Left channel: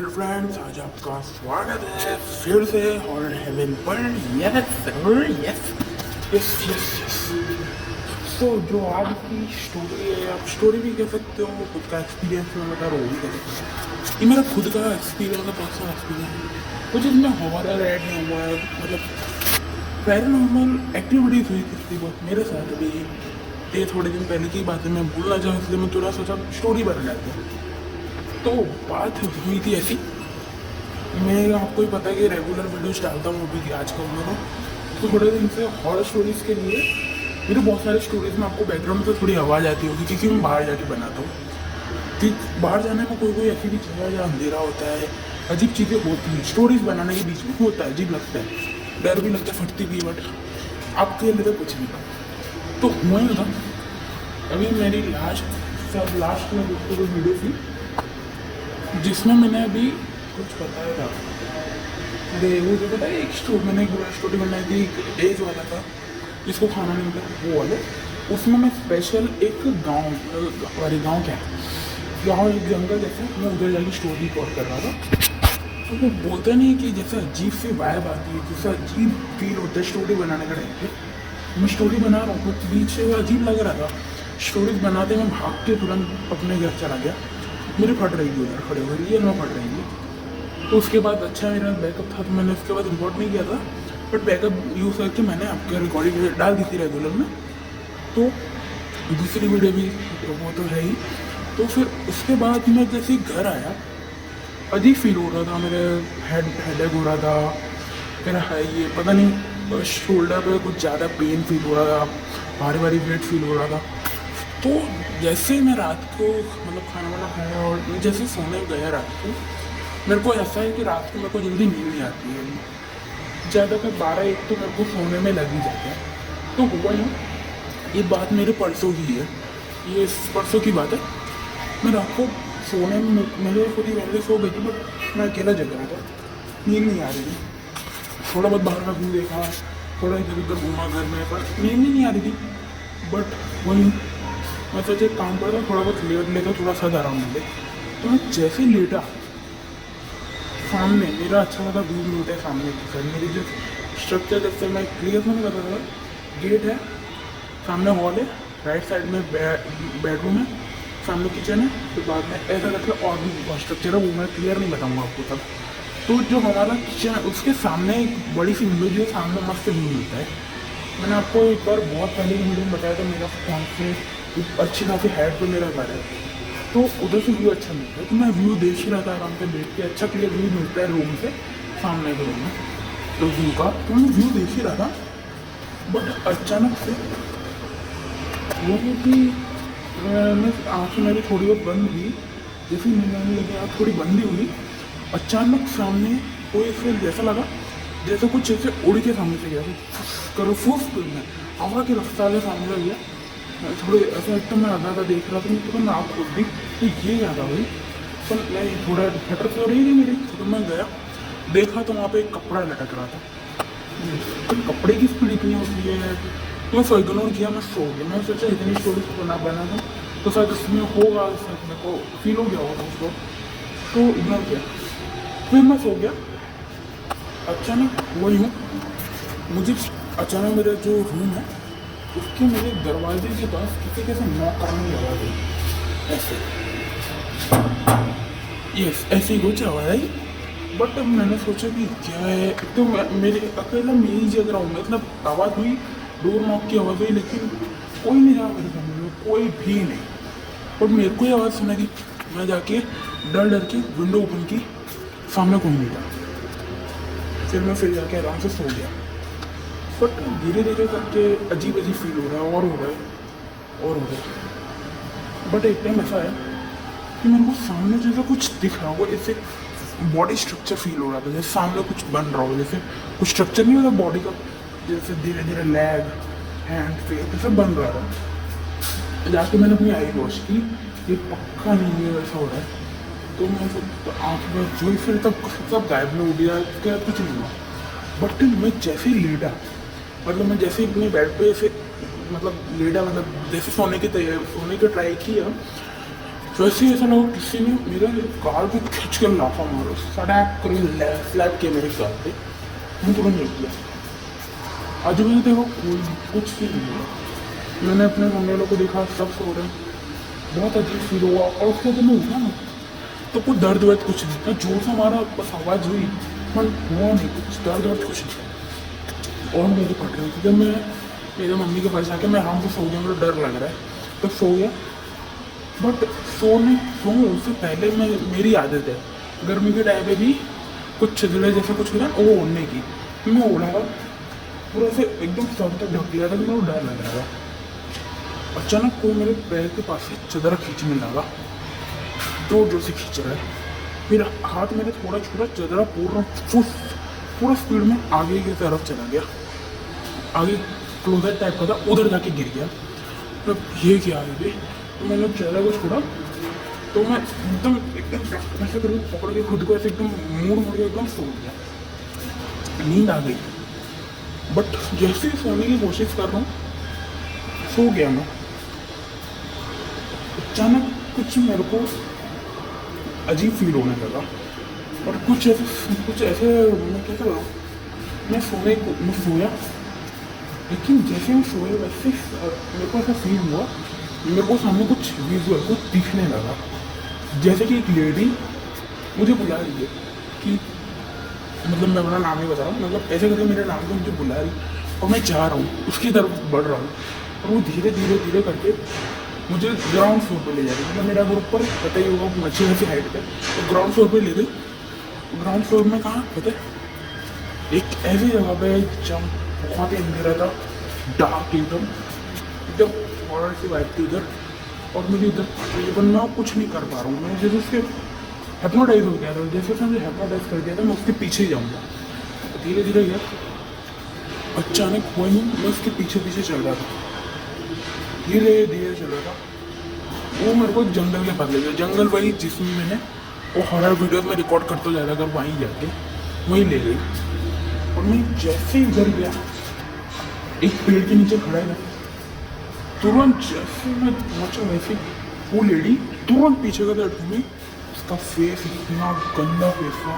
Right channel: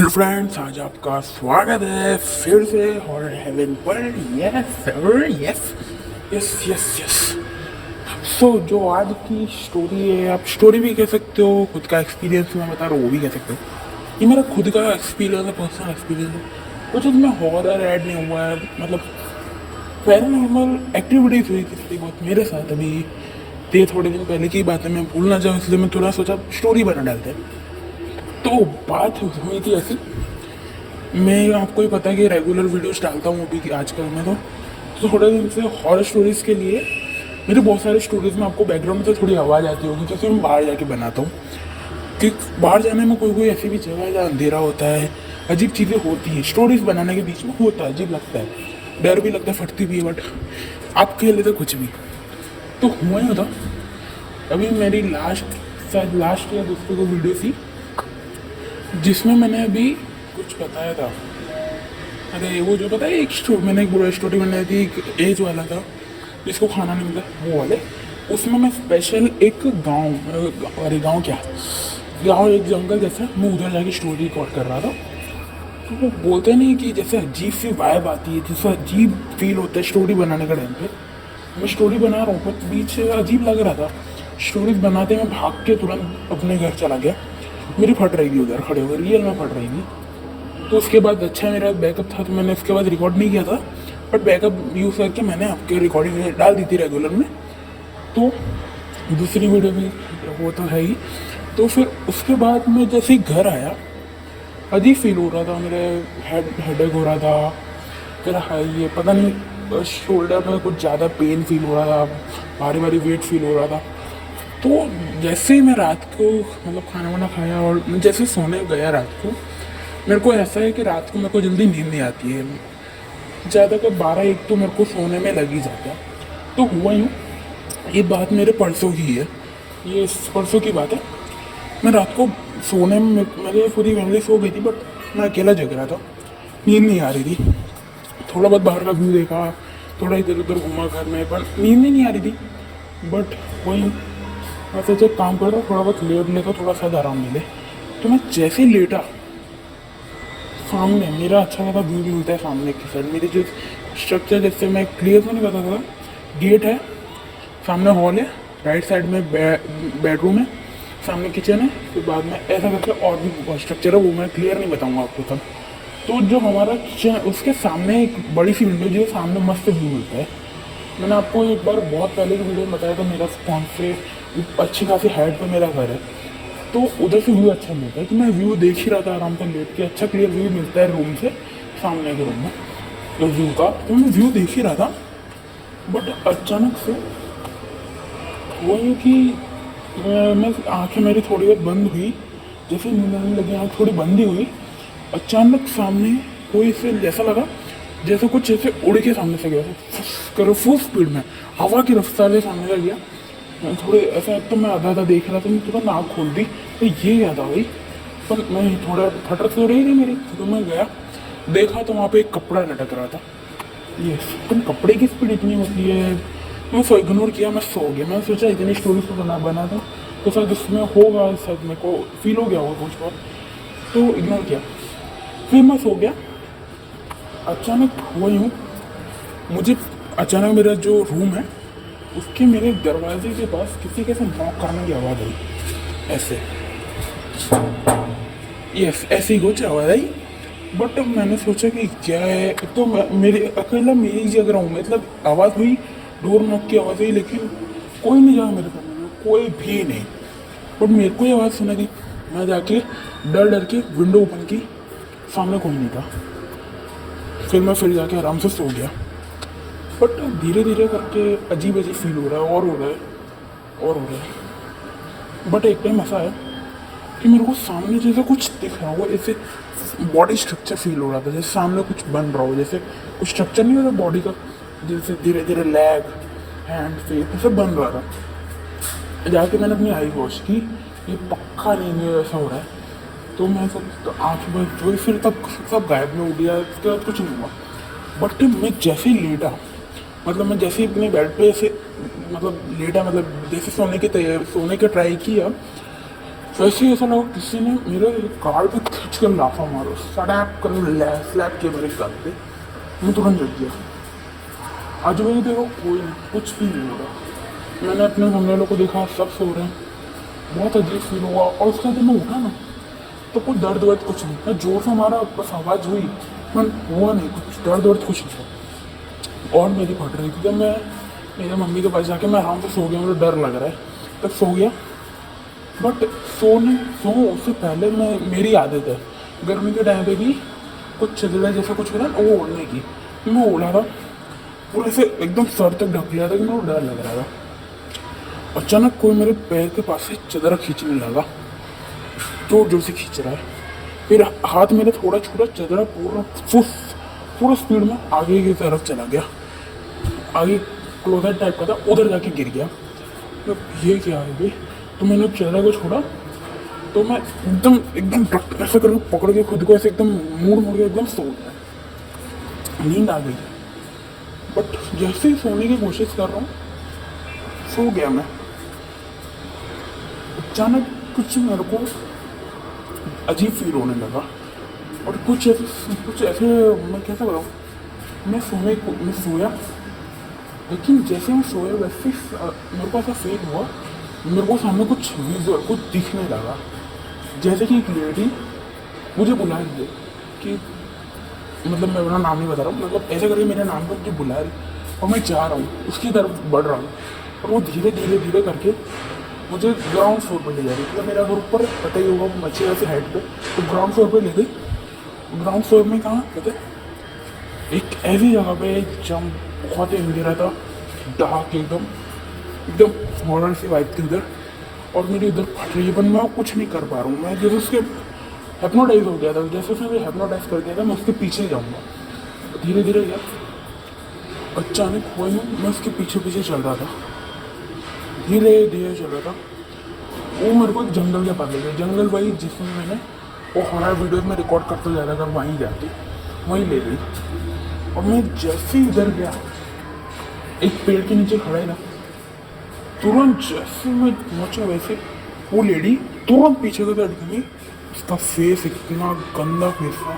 Hello friends, आज आपका स्वागत है फिर से हॉरर हेवन पर। Yes yes yes yes yes. So जो आज की स्टोरी है, आप स्टोरी भी कह सकते हो, खुद का एक्सपीरियंस मैं बता रहा हूँ वो भी कह सकते हो। ये मेरा खुद का एक्सपीरियंस है, पर्सनल एक्सपीरियंस है। कुछ उसमें हॉरर ऐड नहीं हुआ है, मतलब पैरानॉर्मल एक्टिविटीज हुई थी थोड़ी बहुत मेरे साथ। अभी ये थोड़े दिन पहले की बात है, मैं भूलना चाहूँ इसलिए मैं थोड़ा सोचा स्टोरी बना डालते हैं। तो बात हुई थी ऐसी, मैं आपको ही पता है कि रेगुलर वीडियोस डालता हूँ अभी आजकल में। तो थोड़े दिन से हॉरर स्टोरीज़ के लिए मेरे बहुत सारी स्टोरीज़ में आपको बैकग्राउंड में तो थोड़ी आवाज़ आती होगी, क्योंकि मैं बाहर जाके बनाता हूँ। कि बाहर जाने में कोई कोई ऐसी भी जगह है जहाँ अंधेरा होता है, अजीब चीज़ें होती हैं, स्टोरीज बनाने के बीच में होता है, अजीब लगता है, डर भी लगता है, फटती भी है, बट आपके लिए तो कुछ भी। तो हुआ ही होता, अभी मेरी लास्ट या दूसरी कोई वीडियो थी जिसमें मैंने अभी कुछ बताया था। अरे वो जो पता है, मैंने एक बुरा स्टोरी बनाई थी, एक एज वाला था जिसको खाना नहीं मिला, वो वाले। उसमें मैं स्पेशल एक गांव, अरे गांव क्या, गांव एक जंगल जैसे, मैं उधर जाके स्टोरी रिकॉर्ड कर रहा था। तो वो बोलते नहीं कि जैसे अजीब सी वाइब आती है, जैसे अजीब फील होता है स्टोरी बनाने का टाइम पे। मैं स्टोरी बना रहा हूँ पर बीच से अजीब लग रहा था। स्टोरीज बनाते मैं भाग के तुरंत अपने घर चला गया, मेरी फट रही थी उधर खड़े होकर, रियल में फट रही थी। तो उसके बाद अच्छा मेरा बैकअप था, तो मैंने उसके बाद रिकॉर्ड नहीं किया था, बट बैकअप यूज़ करके मैंने आपके रिकॉर्डिंग डाल दी थी रेगुलर में। तो दूसरी वीडियो भी वो तो है ही। तो फिर उसके बाद मैं जैसे घर आया, अजीब फील हो रहा था, मेरे हेडेक हो रहा था, फिर ये पता नहीं शोल्डर पे कुछ ज़्यादा पेन फील हो रहा था, भारी भारी वेट फील हो रहा था। तो जैसे ही मैं रात को मतलब खाना वाना खाया और जैसे सोने गया रात को, मेरे को ऐसा है कि रात को मेरे को जल्दी नींद नहीं आती है, ज़्यादातर 12-1 तो मेरे को सोने में लग ही जाता है। तो हुआ यूँ, ये बात मेरे परसों की है, ये परसों की बात है। मैं रात को सोने में, मेरे पूरी फैमिली सो गई थी बट मैं अकेला जग रहा था, नींद नहीं आ रही थी। थोड़ा बहुत बाहर का व्यू देखा, थोड़ा इधर उधर घूमा घर में, पर नींद ही नहीं आ रही थी। बट वही मैं सोचा काम करता, थोड़ा बहुत लेट लेता, थोड़ा सा आराम मिले। तो मैं जैसे ही लेटा, सामने मेरा अच्छा लगा व्यू मिलता है सामने की साइड, मेरी जो स्ट्रक्चर जैसे मैं क्लियर नहीं पता था, गेट है, सामने हॉल है, राइट साइड में बेडरूम है, सामने किचन है, फिर बाद में ऐसा करके और भी स्ट्रक्चर है, वो मैं क्लियर नहीं बताऊँगा आपको तब। तो जो हमारा किचन है उसके सामने एक बड़ी सी विंडो जो सामने मस्त व्यू मिलता है। मैंने आपको एक बार बहुत पहले की वीडियो में बताया था, मेरा कौन से अच्छी खासी हाइट पे मेरा घर है, तो उधर से व्यू अच्छा मिलता है। तो मैं व्यू देख ही रहा था आराम से बैठ के, अच्छा क्लियर व्यू मिलता है रूम से, सामने के रूम में तो व्यू का, तो मैं व्यू देख ही रहा था। बट अचानक से वो है कि मैं आँखें मेरी थोड़ी बहुत बंद हुई, जैसे नींद लगी, आँख थोड़ी बंद ही हुई, अचानक सामने कोई से जैसा लगा जैसे कुछ ऐसे उड़ के सामने से गया, करो फुल स्पीड में, हवा की रफ्तार से सामने से गया। मैं थोड़े ऐसा, एक तो मैं आधा आधा देख रहा था, तो तुरंत आँख खोल दी, तो ये क्या था भाई। पर मैं थोड़ा फटर तो रही थी मेरे, तो मैं गया देखा तो वहाँ पे एक कपड़ा लटक रहा था। ये तुम कपड़े की स्पीड इतनी होती है, मैं सो इग्नोर किया, मैं सो गया। मैं सोचा इतनी स्टोरी तो बना था तो शायद उसमें होगा, शायद मेरे को फील हो गया होगा उसको, तो इग्नोर किया। फिर मैं सो गया। अचानक वो यूँ, मुझे अचानक मेरा जो रूम है उसके मेरे दरवाजे के पास किसी के साथ नॉक करने की आवाज़ आई, ऐसे, यस ऐसे ही कुछ आवाज़ आई। बट मैंने सोचा कि क्या है, तो मेरे अकेला मेरी जग रहा हूँ, मतलब आवाज़ हुई, डोर नॉक की आवाज़ हुई, लेकिन कोई नहीं जा मेरे सामने, कोई भी नहीं। और मेरे को आवाज़ सुनाई दी, मैं जाके डर के विंडो ओपन की, सामने कोई नहीं था। फिर जाके आराम से सो गया। बट धीरे धीरे करके अजीब अजीब फील हो रहा है, और हो रहा है और हो रहा है। बट एक टाइम ऐसा है कि मेरे को सामने जैसा कुछ दिख रहा हो, जैसे बॉडी स्ट्रक्चर फील हो रहा था, जैसे सामने कुछ बन रहा हो, जैसे कुछ स्ट्रक्चर नहीं होता बॉडी का, जैसे धीरे धीरे लेग, हैंड, फेस, ये सब बन रहा था। जाके मैंने अपनी आई वॉश की, ये पक्का नहीं है ऐसा हो रहा है। तो मैं सब आँख में जो, फिर तब सब गायब में हो गया, उसके बाद कुछ नहीं हुआ। बट मैं जैसे ही लेटा, मतलब मैं जैसे ही अपने बेड पे ऐसे मतलब लेटा, मतलब जैसे सोने की ट्राई किया, वैसे ही ऐसा ना हो किसी ने मेरे कार पे खींच के लाफा मारो सड़ैप करके स्लैप किया मेरे साथ पे, मैं तुरंत जग गया। आज मैंने देखो कोई कुछ भी नहीं हुआ। मैंने अपने मम्मी लोग को देखा, सब सो रहे हैं, बहुत अजीब फील हुआ। और उसको जब मैं उठा ना तो कुछ दर्द वर्द कुछ नहीं, तो जोर से हमारा बस आवाज़ हुई पर हुआ नहीं, कुछ दर्द वर्द कुछ नहीं। और मेरी फट रही थी। जब मैं मेरे मम्मी के पास जाके मैं आराम से सो गया, मुझे डर लग रहा है तब सो गया। बट सो उससे पहले मेरी आदत है गर्मी के टाइम पे भी कुछ चदरा जैसा कुछ होता है वो ओढ़ने की, मैं ओढ़ा था पूरा ऐसे एकदम सर तक ढक लिया था कि मुझे डर लग रहा था। अचानक कोई मेरे पैर के पास से चदरा खींचने लगा, जोर जोर से खींच रहा है। फिर हाथ मेरे थोड़ा छूटा, चदरा पूरा स्पीड में आगे की तरफ चला गया, आगे क्लोजर टाइप का था, उधर जाके गिर गया। तो ये क्या है भाई, तो मैंने चदरा को छोड़ा तो मैं एकदम एकदम ऐसे करके पकड़ के खुद को ऐसे एकदम मोड़ के एकदम सो गया। नींद आ गई, बट जैसे ही सोने की कोशिश कर रहा हूँ सो गया मैं। अचानक कुछ मेरे को अजीब फील होने लगा और कुछ ऐसे मैं कैसे करूँ, मैं सोया, लेकिन जैसे मैं सोया वैसे मेरे को ऐसा फील हुआ, मेरे को सामने कुछ विजुअल कुछ दिखने लगा, जैसे कि एक लेडी मुझे बुला रही है कि मतलब मैं अपना नाम नहीं बता रहा हूँ, मतलब ऐसा करके मेरे नाम पर मुझे बुला रही और मैं जा रहा हूँ उसकी तरफ बढ़ रहा हूँ और वो धीरे धीरे करके मुझे ग्राउंड फ्लोर पर ले जा रही है। मेरा घर ऊपर पता ही होगा अच्छे वैसे हाइट पे, तो ग्राउंड फ्लोर पे ले गई। ग्राउंड फ्लोर में कहाँ पता है एक ऐसी जगह पे जब बहुत ही अंधेरा था, डार्क एकदम हॉरर सी वाइब थी उधर, और मेरी उधर फट रही है पर मैं कुछ नहीं कर पा रहा हूँ। मैं जैसे उसके हेप्नोटाइज हो गया था, जैसे उसने मुझे हेप्नोटाइज कर दिया था, मैं उसके पीछे जाऊँगा धीरे धीरे। अचानक हुआ ही मैं उसके पीछे चल रहा था, धीरे धीरे चल रहा था। वो मेरे को जंगल के पास ले गया, जंगल वही जिसमें मैंने वो हॉरर वीडियोस में रिकॉर्ड करते जा रहा था, वहीं जाके वहीं ले गई। और मैं जैसे ही इधर गया एक पेड़ के नीचे खड़ा था, तुरंत जैसे मैं पहुंचा वैसे वो लेडी तुरंत पीछे की तरफ घूमी। उसका फेस इतना गंदा फेस था,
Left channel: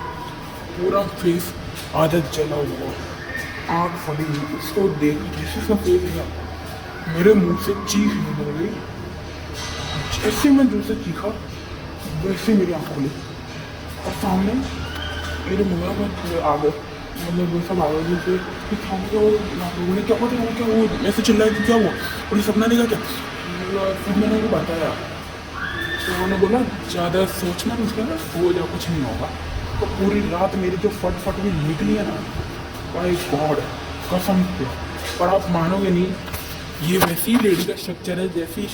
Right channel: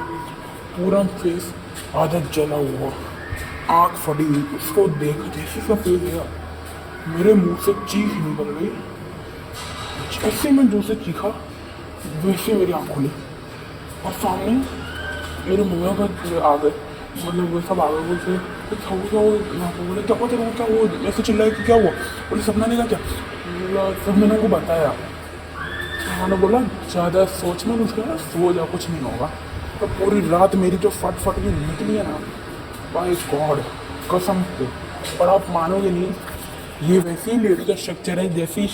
पूरा फेस आधा जला हुआ, आँख फटी, उसको देख जैसे उसका फेस गया मेरे मुंह से चीख निकल गई। जैसे मैं जो से चीखा वैसे मेरी आँख खुली और सामने मेरे मुँह पर आ गए, मतलब वो सब आ गए मुझसे उन्होंने क्या हुआ, क्या वो ऐसे चिल्लाया कि क्या हुआ और ये सपना देखा क्या। फिर मैंने उनको बताया, उन्होंने बोला ज़्यादा सोचना नहीं, उसके सो जाओ कुछ नहीं होगा। तो पूरी रात मेरी जो फट की निकली है ना, बाय गॉड कसम से, पर आप मानोगे नहीं, ये वैसी लेडी का स्ट्रक्चर है जैसी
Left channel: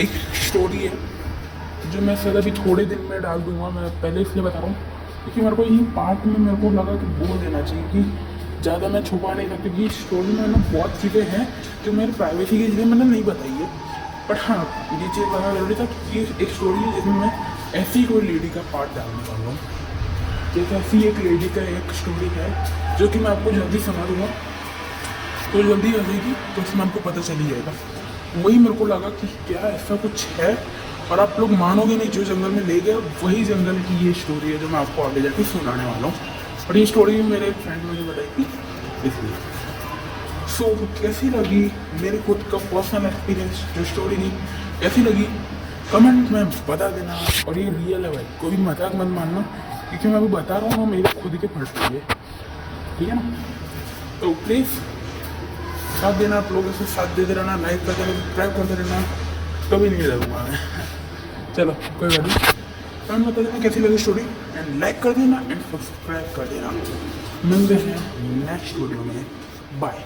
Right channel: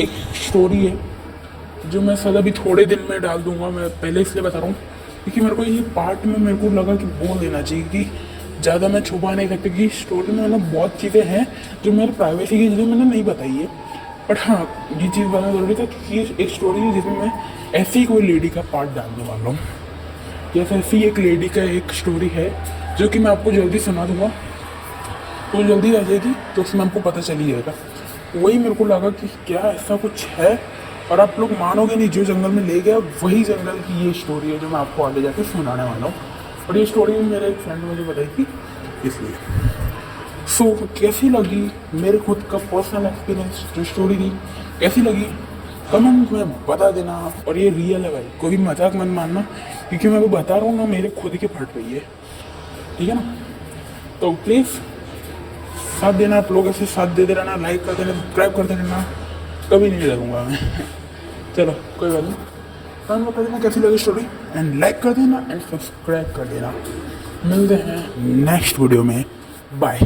एक स्टोरी है जो मैं सदा भी थोड़े दिन में डाल दूंगा। मैं पहले इसलिए बता रहा हूँ क्योंकि मेरे को ये पार्ट में मेरे को लगा कि बोल देना चाहिए कि ज़्यादा मैं छुपा नहीं सकता कि स्टोरी में ना बहुत चीज़ें हैं जो मेरी प्राइवेसी की चीज़ें मैंने नहीं बताई है। बट हाँ, ये चीज़ बताना ज़रूरी था क्योंकि एक स्टोरी है जिसमें मैं ऐसी कोई लेडी का पार्ट डालने वाला हूँ। जैसे ऐसी एक लेडी का एक स्टोरी है जो कि मैं आपको जल्दी सुना दूँगा, तो जल्दी आ जाएगी तो उसमें आपको पता चल ही जाएगा। वही मेरे को लगा कि क्या ऐसा कुछ है, और आप लोग मानोगे नहीं, जो जंगल में ले गया वही जंगल की ये स्टोरी है जो मैं आपको आगे जाके सुनाने वाला हूँ। और ये स्टोरी भी मेरे एक फ्रेंड ने मुझे बताई थी, इसलिए। सो कैसी लगी मेरे खुद का पर्सनल एक्सपीरियंस जो स्टोरी थी, कैसी लगी कमेंट में बता देना। और ये रियल है भाई, कोई भी मजाक मत मानना, क्योंकि मैं आपको बता रहा हूँ ना मेरे खुद की फट रही है, ठीक है ना। तो प्लीज़ साथ देना, आप लोग ऐसे साथ देते रहना, लाइक करते रहना, सब्सक्राइब करते रहना, कभी नहीं रहूँगा मैं। चलो कोई बात नहीं, कमेंट बता देना कैसी लगी स्टोरी, एंड लाइक कर देना एंड सब्सक्राइब कर देना। मिलते हैं नेक्स्ट वीडियो में, बाय।